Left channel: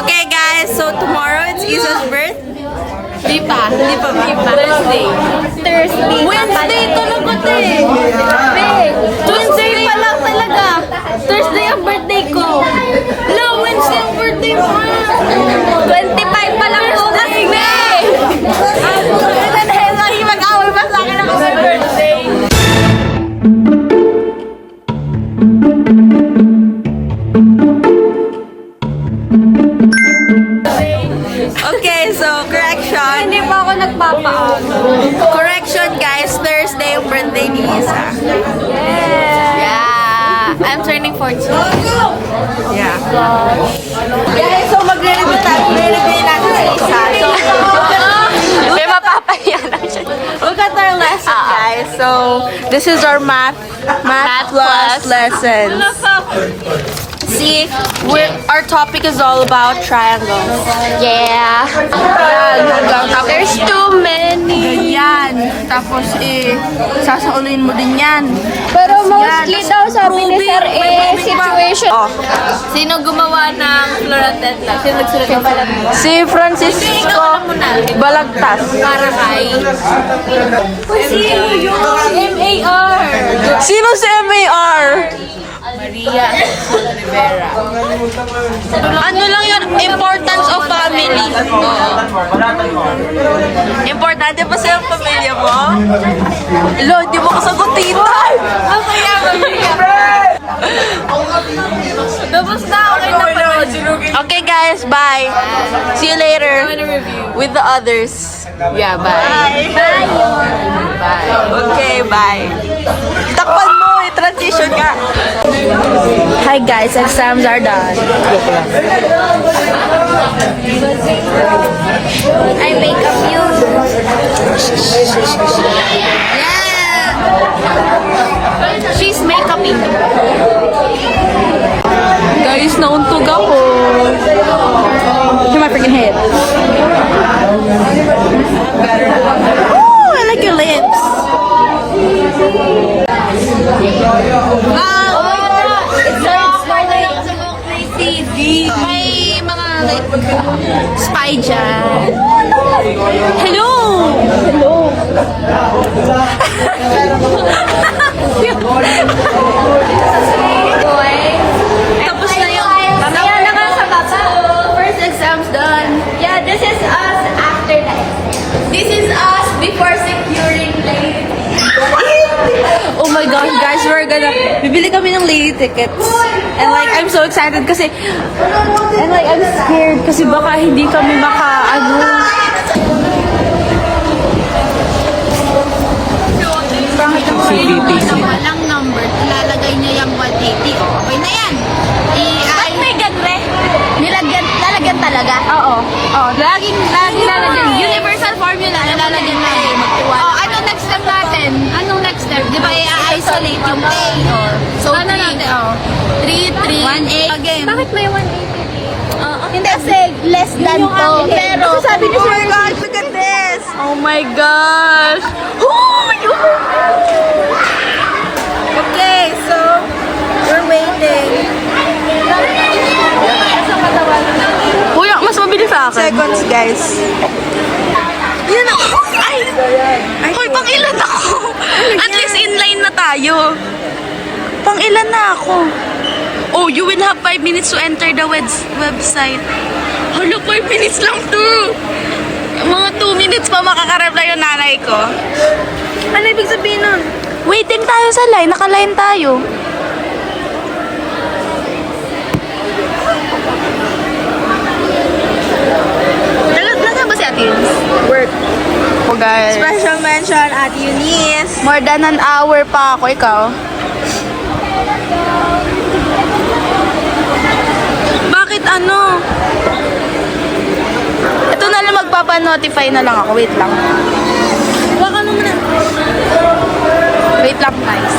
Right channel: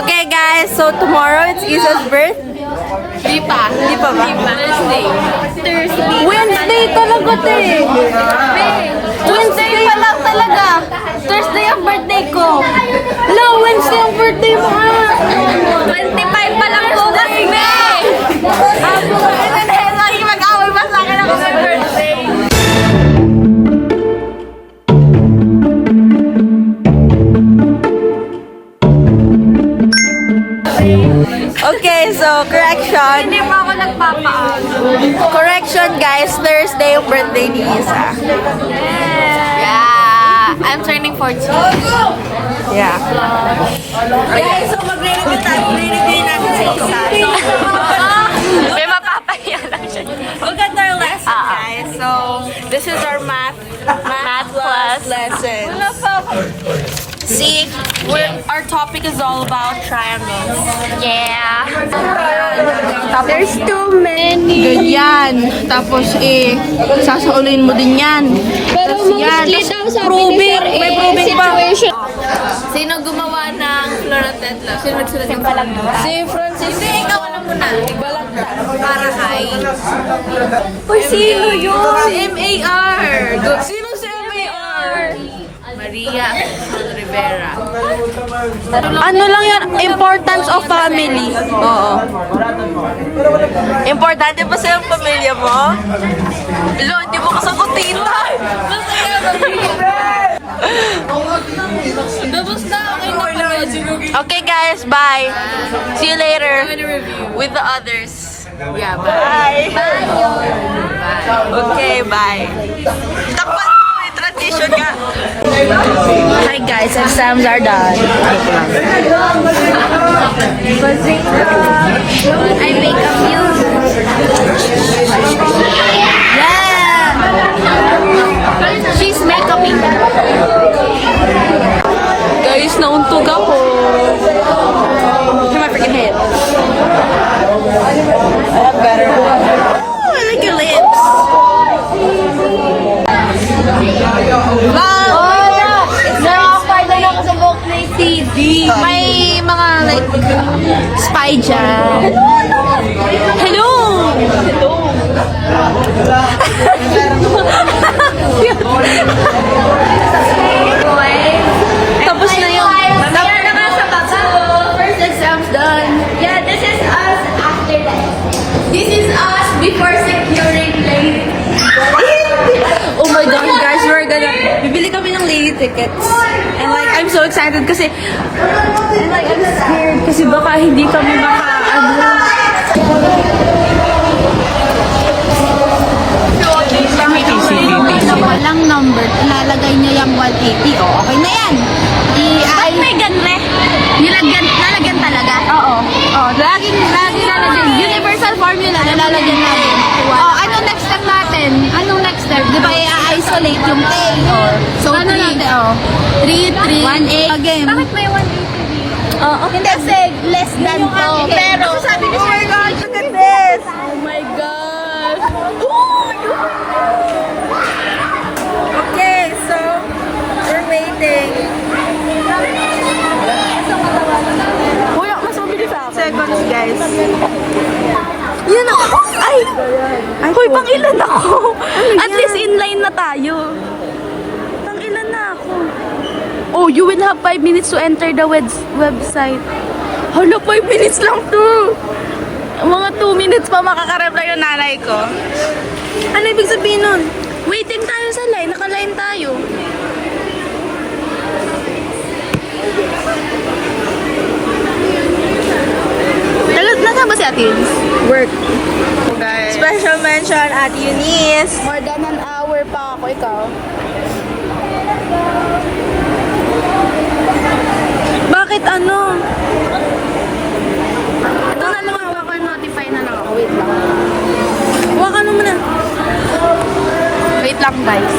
Okay guys, so tomorrow it's Isa's birthday. Di pa. Thursday. Wednesday talaga to eh. Tuesday pa lang talaga. Thursday ang birthday ko. No, Wednesday ang birthday mo. 25 pa lang po kasi na. Mag-away pa sa akin ako sa birthday. Okay, so correction. Hindi pa ako nagpapaan. Correction guys, Thursday yung birthday ni Isa. Yeah. I'm turning 14. Yeah. Okay, so magre-review natin si Isa. May mapapahiya lang siya. Look at our lesson guys. So, this is our math plus lesson. See, our topic is all about triangles. Yeah. There's too many. Ganyan. Tapos sasaulin mo din yan. Pero mostly daw sabi ni Sir situation. Sino gumawa ng Florenteta? Sino nagsulat ng Balagtas? Si Francisco Balagtas. Para kay... Sino yun? Si M.A.R. Sino si M.A.R.? Maria Rivera. Ano lang yan? Importance of family. Importante ba sa'yo ang pamilya mo? Lo, di mo kasagutin tayo! Tapos na, okay na panood. Okay guys, bye! See you later with the others. Yeah, bye. Bye! Okay, bye! Takpan mo! Transition ka! Hi guys, exams are done. I make a blue. Yeah. She's makeuping. Guys, nauntog ako. Here's my freaking head. Oh, I like your lips. May mga like spy dyan. Hello! Tapos na yun. First exam's done. Yeah, this is us after that. This is us before securing late. Oh my gosh, guys, bibili kami ng lady tickets. And like, I'm so excited kasi, and like, I'm scared kasi baka hindi kami Na walang number, ilalagay niya yung 180. Oh, okay na yan. Ba't may ganle? Lalagyan talaga. Oo. Oo, laging lalagyan. Universal formula, lalagyan natin. Oh, anong next step natin? Anong next step? Di ba i-isolate yung K? Or, So, ano natin? Oh. 3, 1-8. Again. Hindi kasi less than 2. Pero, Sabi ni oh my gosh, look at this! Oh my gosh! Oh my gosh! Okay, so, we're waiting. Kuya, mas mabilis sa akin. Seconds, guys. Yun ako! Ay! Hoy, pang ilan ako? At least inline na tayo. Pang ilan na ako? Oh, you will have 5 minutes to enter the website. Hala, 5 minutes lang to. Mga 2 minutes pa makakareply yung nanay ko. Ano ibig sabihin nun? Waiting tayo sa line. Naka-line tayo. Nasaan ba si Ate Eunice? Work. Oh, guys. Special mention at Eunice. More than an hour pa ako. Ikaw? Bakit ano? Ito na lang, magpapa-notify na lang ako. Wait lang. Wait lang, guys.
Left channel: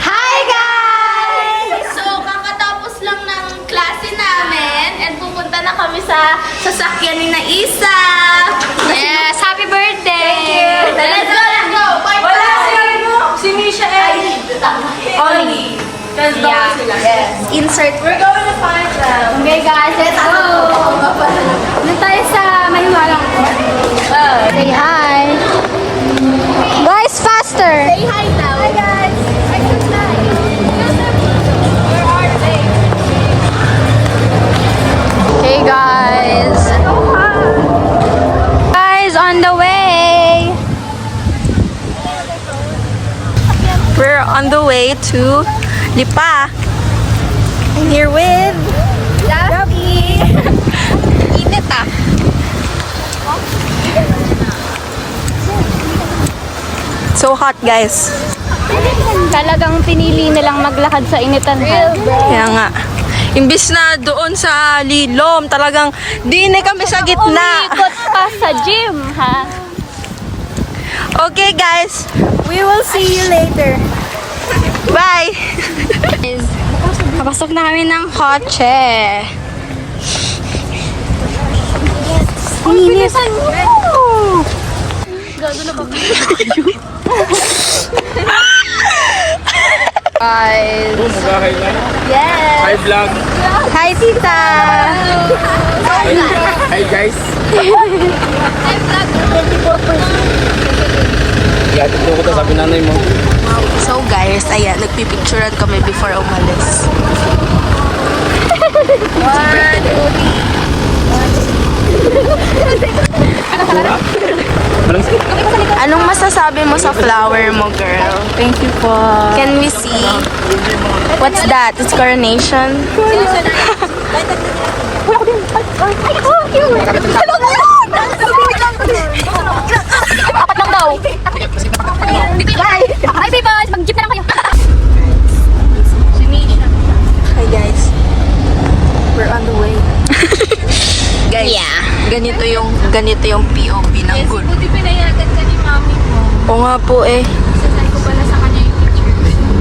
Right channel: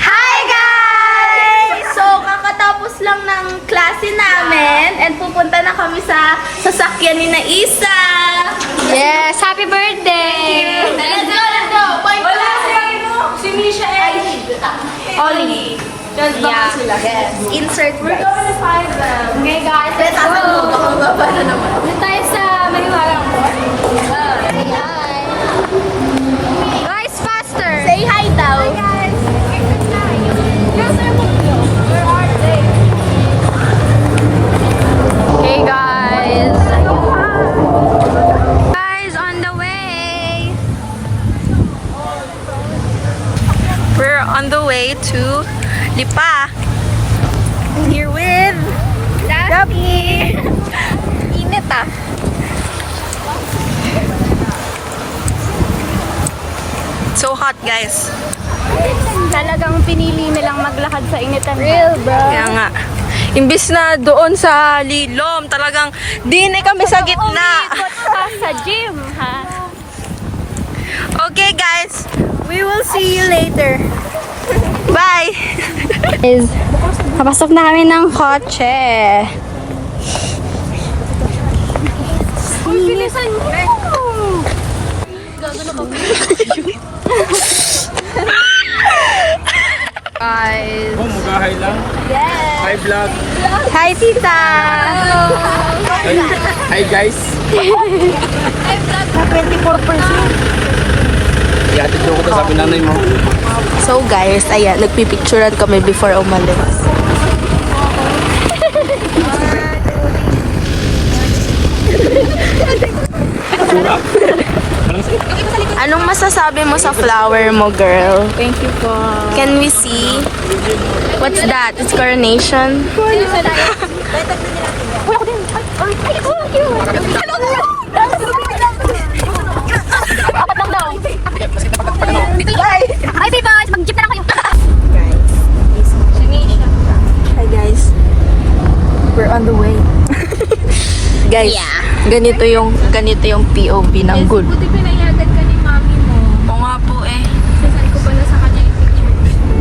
Hi guys! So, kakatapos lang ng klase namin and pupunta na kami sa sasakyan ni na Isa. Yes! Happy birthday! Thank you! insert. We're going to find them. Okay guys, let's go! Doon tayo sa Mahiwagang Say hi! Guys, faster! Say hi daw. Hi guys! I can fly! Where are they? Hey guys! Guys, on the way! We're on the way to Lipa. I'm here with Rafi. Init ah. So hot, guys. Talagang pinili nilang maglakad sa initan. Kaya nga. Imbis na doon sa Lilom, talagang di na kami sa gitna. Umikot pa sa gym, ha? Okay, guys. We will see you later. Bye! Kapasok na kami ng kotse. Bilisan mo! Guys. Oh, mag-hi lang? Yes! Hi, vlog. Hi, tita! Hi, guys. Yatid ko sa pinanay mo. So guys, ayan, nagpipicturean kami before umalis. Sura? Anong say? Anong masasabi mo sa flower mo, girl? Thank you po. Can we see? What's that? It's coronation? Apat lang daw. Bye! Hi, people! Mag-jeep na lang kayo. Hi guys. We're on the way. Guys, ganito yung POV ng good. Buti pinayagan ka ni mami mo. O nga po eh. Sasay ko pala sa kanya yung picture.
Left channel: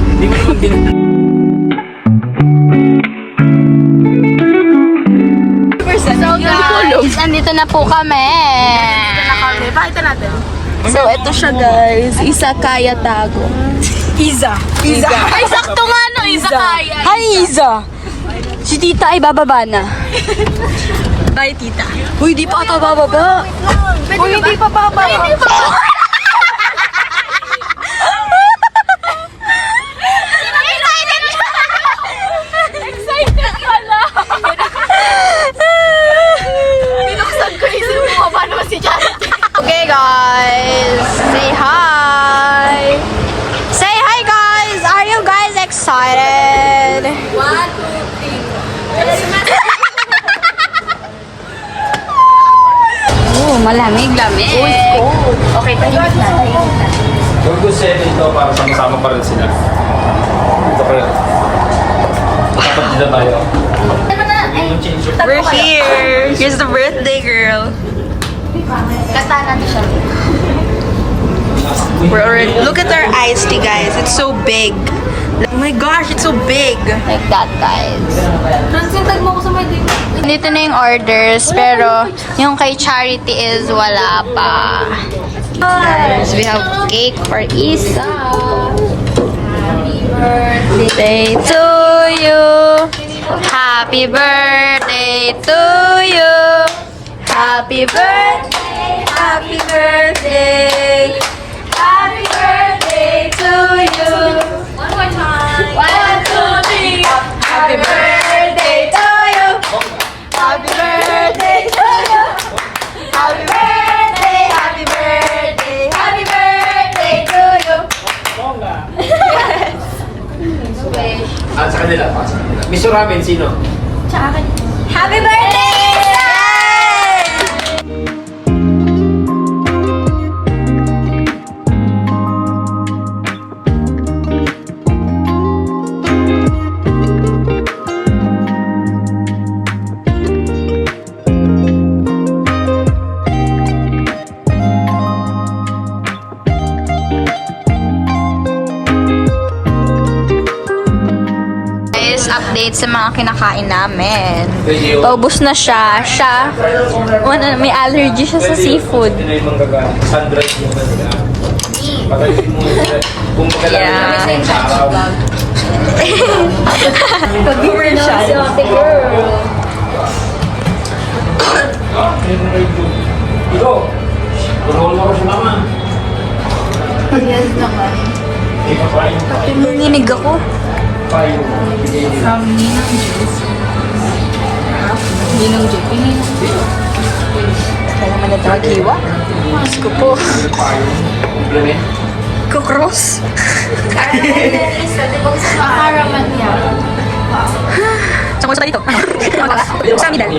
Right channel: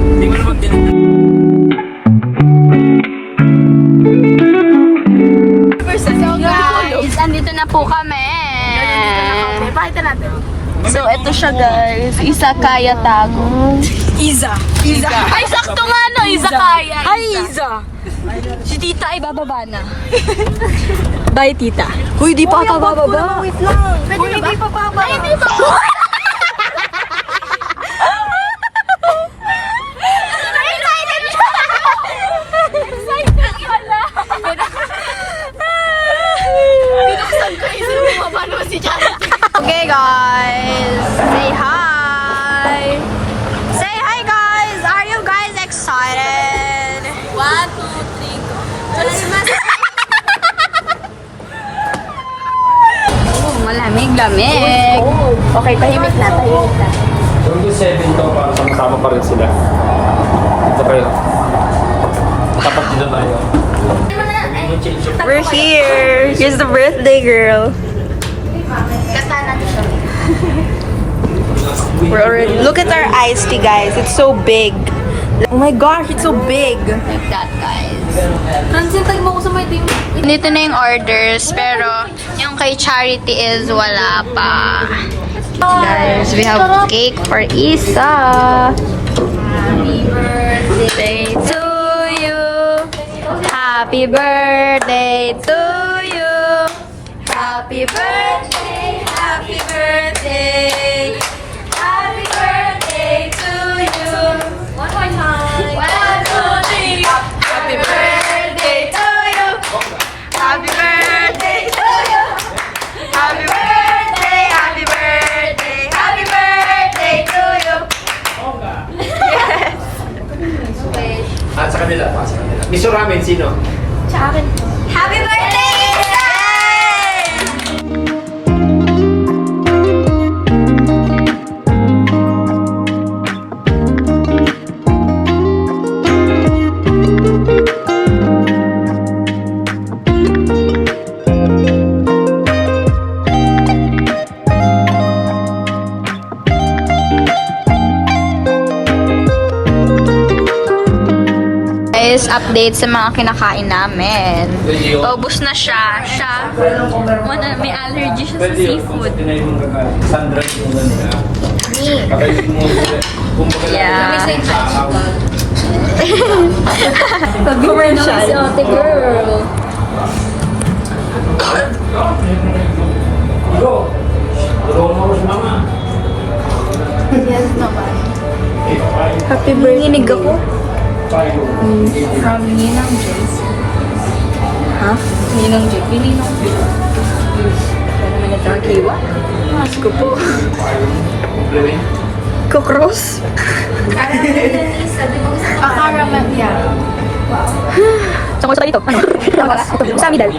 Hindi ko naman din. So guys, andito na po kami. So ito siya guys, Izakaya Tago. Iza. Ay, sakto nga no, Izakaya. Hi Iza! Si tita ay bababa na. Bye tita. Uy, di pa ata bababa. Pwede hindi pa baba. Okay guys, say hi. Say hi guys. Are you guys excited? 1, 2, 3. Oh, malamig-lamig. Okay, tahimik na. Yung good 7 ito, para sama-sama pa rin sila. Ito kayo. Tapat nila tayo. We're here. Here's the birthday girl. We're already, look at our iced tea guys. It's so big. Oh my gosh, it's so big. Like that, guys. Dito na yung orders, pero yung kay Charity is wala pa. Guys, we have cake for Isa. Happy birthday to you. Happy birthday to you. Happy birthday, happy birthday. Happy birthday to you. One more time. 1, 2, 3. Happy birthday to you. Happy birthday to you. Happy birthday, happy birthday, happy birthday to you. At sa kanila, pa sa kanila. Miss Ramen, sino? Happy birthday! Update sa mga kinakain namin. Paubos na siya. May allergy siya sa seafood. Ito na yung manggagaling. Sunrise mo ba nila? Pagkalit mo sila. Kung kailangan Yeah. ng araw. Commercial. Nanginig ako. From Ninang Jules. Ha? Ninang Jules. Ninang Jules. Kaya naman ito maghiwa. Mas ko po. Kukros. Akaraman niya. Saan ko sa dito? Ano? Sa amidal.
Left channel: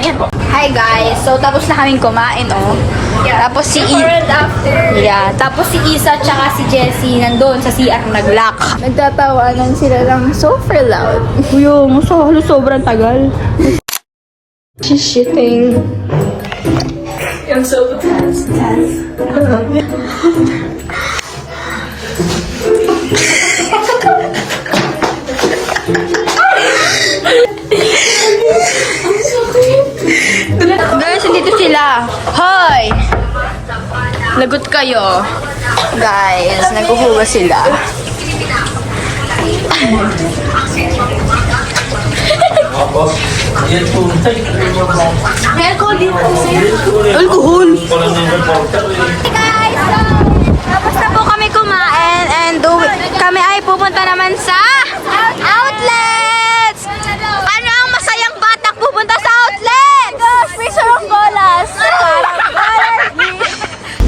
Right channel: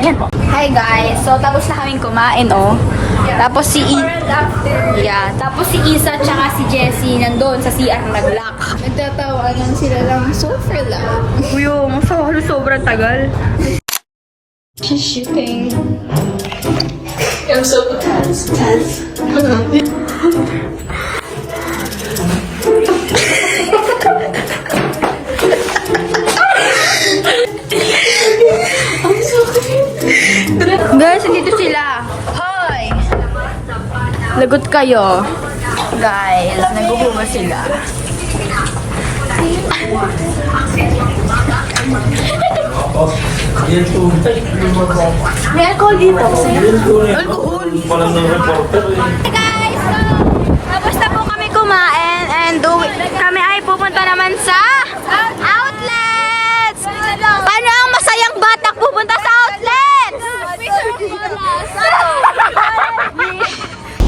Ayan. Hi guys. So tapos na kaming kumain oh. Tapos si Yeah, tapos si Isa tsaka si Jessie nandun sa CR nag-lock. Nagtatawanan sila lang super loud. Uyo, sobrang tagal. She's shitting. I'm so tense. Guys, dito sila. Hoy! Lagot kayo. Guys, naghuhugas sila. Alcohol dito kasi. Alcohol! Walang nang reporter. Guys, tapos na po kami kumain and kami ay pupunta naman sa outlets! Paano ang masayang batak pupunta sa outlets? Picture of bolas!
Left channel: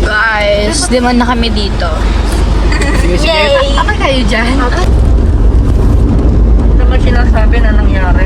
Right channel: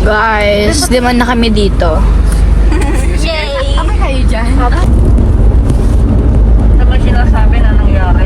Guys, di man na kami dito. Yay! Okay kayo dyan? Naman sinasabi na nangyari.